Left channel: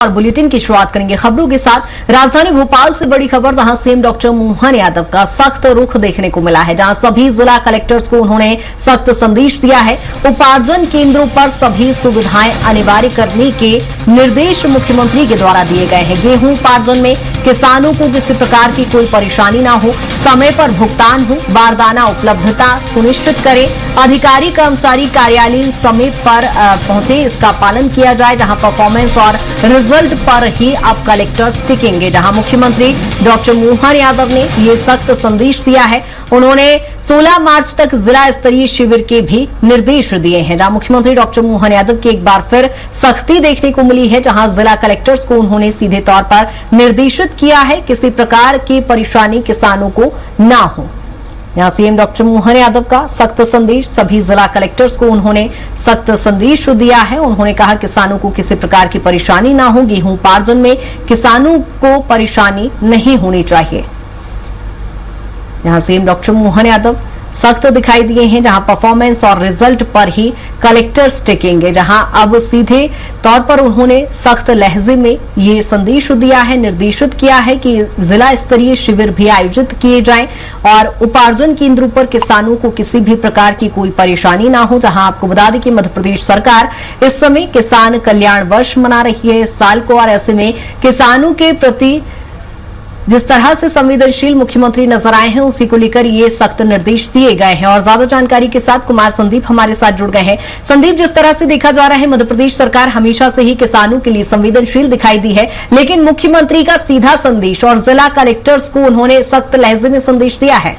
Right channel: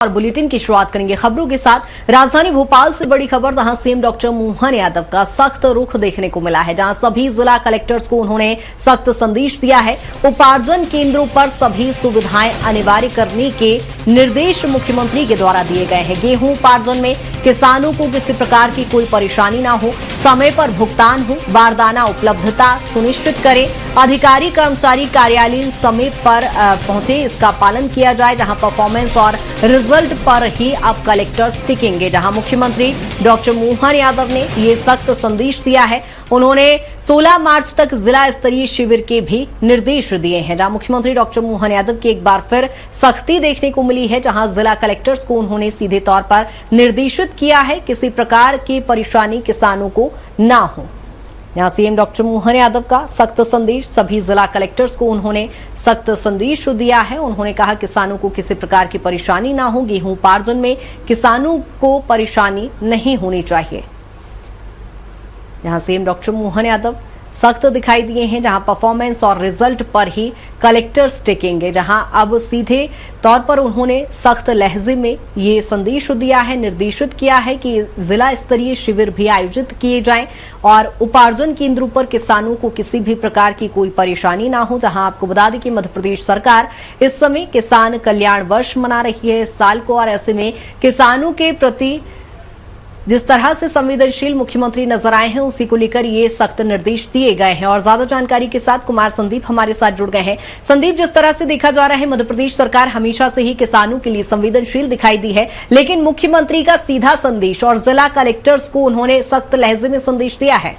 और बुलेटिन की शुरुआत करेंगे खबरों के साथ। राजधानी भोपाल से बड़ी खबर, जहां सीएम डॉक्टर मोहन यादव का सख्त रुख देखने को मिला है, जहां सभी जिला कलेक्टर्स को उन्होंने सख्त संदेश दिया है। उपार्जन केंद्रों पर सभी सुविधाएं अनिवार्य करने के निर्देश मुख्यमंत्री के द्वारा दिए गए हैं। गेहूं उपार्जन में किसानों को किसी प्रकार की कोई परेशानी न हो, समय पर भुगतान हो, बारदाना उपलब्धता सुनिश्चित करें, अधिकारी कर्मचारी कार्यालय समय पर पहुंचे, इसका पालन किया जाए। जहां परफॉर्मेंस और रिजल्ट पर ही अब कलेक्टर्स टिकेंगे। जहां मुख्यमंत्री डॉक्टर मोहन यादव ने ये सख्त संदेश दिया है। उन्होंने 16 मार्च तक जिला स्तरीय शिविर के भी निर्देश दिए हैं। जहां मुख्यमंत्री डॉक्टर मोहन यादव की एक बार फिर सख्ती देखने को मिली है, जहां जिला कलेक्टर्स को उन्होंने सीधे तौर पर निर्देशित किया है किसी प्रकार की परेशानी किसानों को न हो। यहां सीएम डॉक्टर मोहन यादव का सख्त संदेश, सभी जिला कलेक्टर्स को उन्होंने सख्त संदेश दिया है। उन्होंने कहा किसानों को किसी प्रकार की परेशानी ना हो, गेहूं उपार्जन में किसानों को परेशानी नहीं होनी चाहिए। यहां सीएम डॉक्टर मोहन यादव सख्त दिखाई दिए हैं, जहां परफॉर्मेंस और रिजल्ट पर ही कलेक्टर्स टिकेंगे। जहां अब सीधे तौर पर उन्होंने सख्त लहजे में ये संदेश दिया है, निर्देशित किया है कि जिला स्तरीय शिविर भी आयोजित किए जाएं और उपार्जन केंद्रों पर किसानों को किसी भी प्रकार की कोई परेशानी ना हो। जहां आपको बता दें कि मध्य प्रदेश सरकार इस समय किसान कल्याण वर्ष मना रही है इस साल को, और ऐसे में किसानों के प्रति जिस तरह से संवेदनशील मुख्यमंत्री नजर आए हैं, उसी को लेकर ये सख्त निर्देश दिए गए हैं। और ज्यादा जानकारी के साथ कुमार संदीप हमारे साथ जुड़ गए हैं। संदीप, जिस तरह से देखा जा रहा है मध्य प्रदेश सरकार हमेशा से ही किसानों के लिए संवेदनशील दिखाई दी है, लेकिन मुख्यमंत्री का सीधा संदेश और जिला कलेक्टर्स को उन्होंने सख्त लहजे में संदेश दिया है।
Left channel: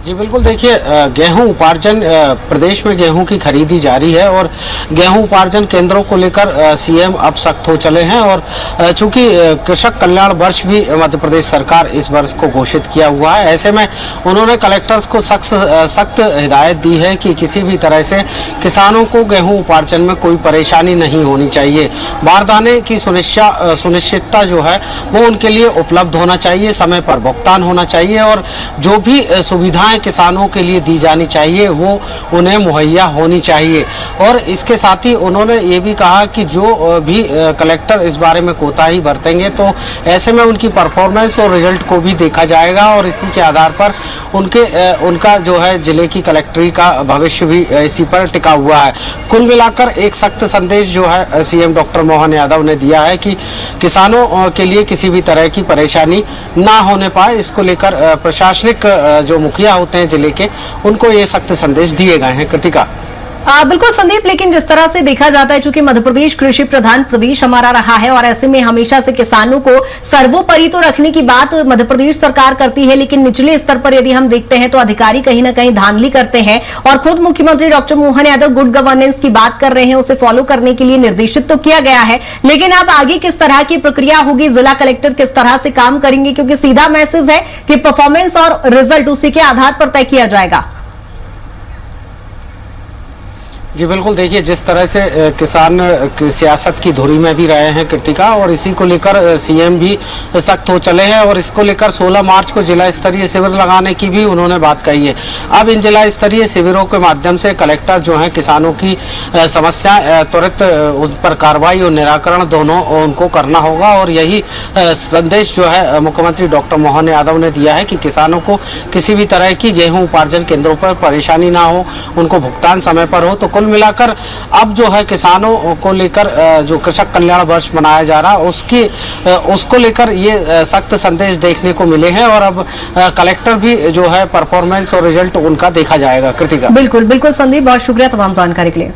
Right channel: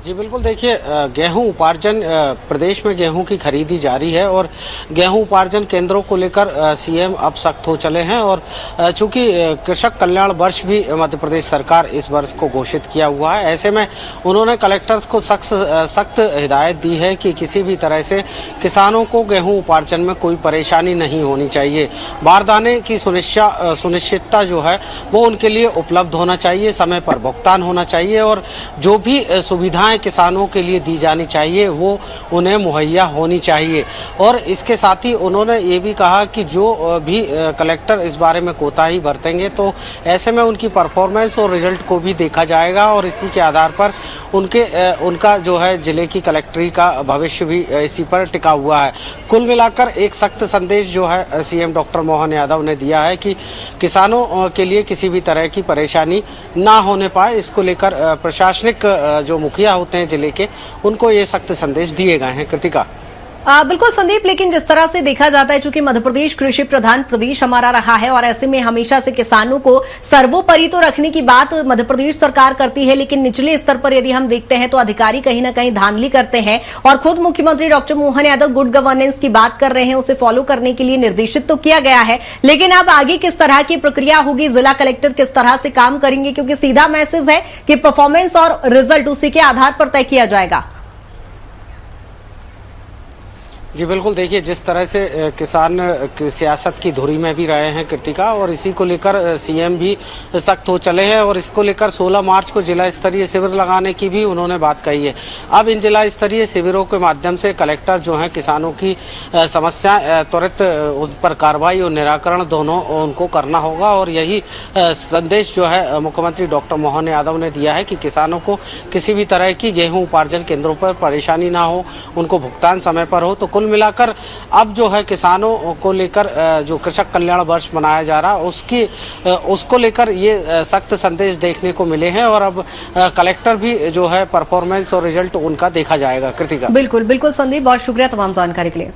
जी बिल्कुल, देखिए गेहूं उपार्जन प्रदेश में गेहूं की खरीदी जारी है और गेहूं उपार्जन केंद्रों को लेकर सीएम अब सख्त हो चले हैं। और चूंकि कृषक कल्याण वर्ष भी मध्य प्रदेश सरकार इस वर्ष को घोषित किया हुआ है, ऐसे में उन्होंने कलेक्टर्स को सख्त हिदायत दी है कि किसी भी तरह से किसानों को गेहूं उपार्जन में कोई परेशानी नहीं होनी चाहिए। बारदाने की सुनिश्चितता जो है वो उनके लिए उपलब्ध होना चाहिए, समय पर भुगतान होना चाहिए और जो भी सुविधाएं किसानों के लिए दी जानी चाहिए वो उन्हें मुहैया होनी चाहिए। और इसके साथ ही उन्होंने ये भी कहा कि जो भी कलेक्टर इस बारे में कोताही बरतेंगे तो ऐसे में उनकी परफॉर्मेंस और रिजल्ट को भी देखा जाएगा और इसी के आधार पर उनका जो है जिले की कलेक्टरी का भविष्य भी इसी पर टिका हुआ है। कुल मिलाकर एक सख्त संदेश जो है सीएम डॉक्टर मोहन यादव ने दिया है कि किसानों के लिए किसी भी तरह की परेशानी ना होने पाए, इसको लेकर प्रशासनिक जो मुखिया होते हैं जिले के, उनको ये सख्त संदेश दिए गए हैं। कृतिका। बिल्कुल संदीप, लेकिन जिस तरह से देखा जाता है, चूंकि मध्य प्रदेश कृषि प्रधान प्रदेश हमारा रहा है और ऐसे में हमेशा से किसानों को सर्वोपरि तो रखने की बात मध्य प्रदेश सरकार करती है, लेकिन निचले स्तर पर यदि हम देखते हैं तो अधिकारी कहीं न कहीं धांधली करते हैं। और खुद मुख्यमंत्री doctor Mohan Yadav good governance की बात कर रहे हैं, उसे फॉलो करने के लिए निर्देशित तो किया गया है, लेकिन अब आगे किस तरह की प्रक्रिया होगी, जिला कलेक्टर किस तरह से काम करेंगे, क्योंकि सीधा मैसेज है कि परफॉर्मेंस और रिजल्ट उसी के आधार पर तय किया जाएगा। जी बिल्कुल, देखिए जिस तरह से किसान सियासत की धुरी में भी रहे हैं कृतिका, और इसी को लेकर सीएम भी सख्त हो चले हैं और इसको लेकर 16 मार्च को जिला स्तरीय शिविर लगाने की भी उन्होंने बात कही है। अब इन जिला स्तरीय शिविरों के माध्यम से कलेक्टर जो है किसानों की समस्या त्वरित उन पर कार्रवाई और निराकरण दोनों उनको करना होगा। और यही संदेश जो है मुख्यमंत्री डॉक्टर मोहन यादव ने दिया है कि किसानों को किसी भी तरह की गेहूं उपार्जन केंद्रों पर परेशानी ना हो, उनको भुगतान समय पर हो। तो कुल मिलाकर अब जो है किसानों को लेकर जो कृषक कल्याण वर्ष मनाया जा रहा है उसको लेकर ये सख्त संदेश देखने को मिले हैं और अब कलेक्टर भी जो है परफॉर्मेंस और रिजल्ट उनका देखा जाएगा। कृतिका। बिल्कुल बिल्कुल संदीप, बहुत शुक्रिया तमाम जानकारी के लिए।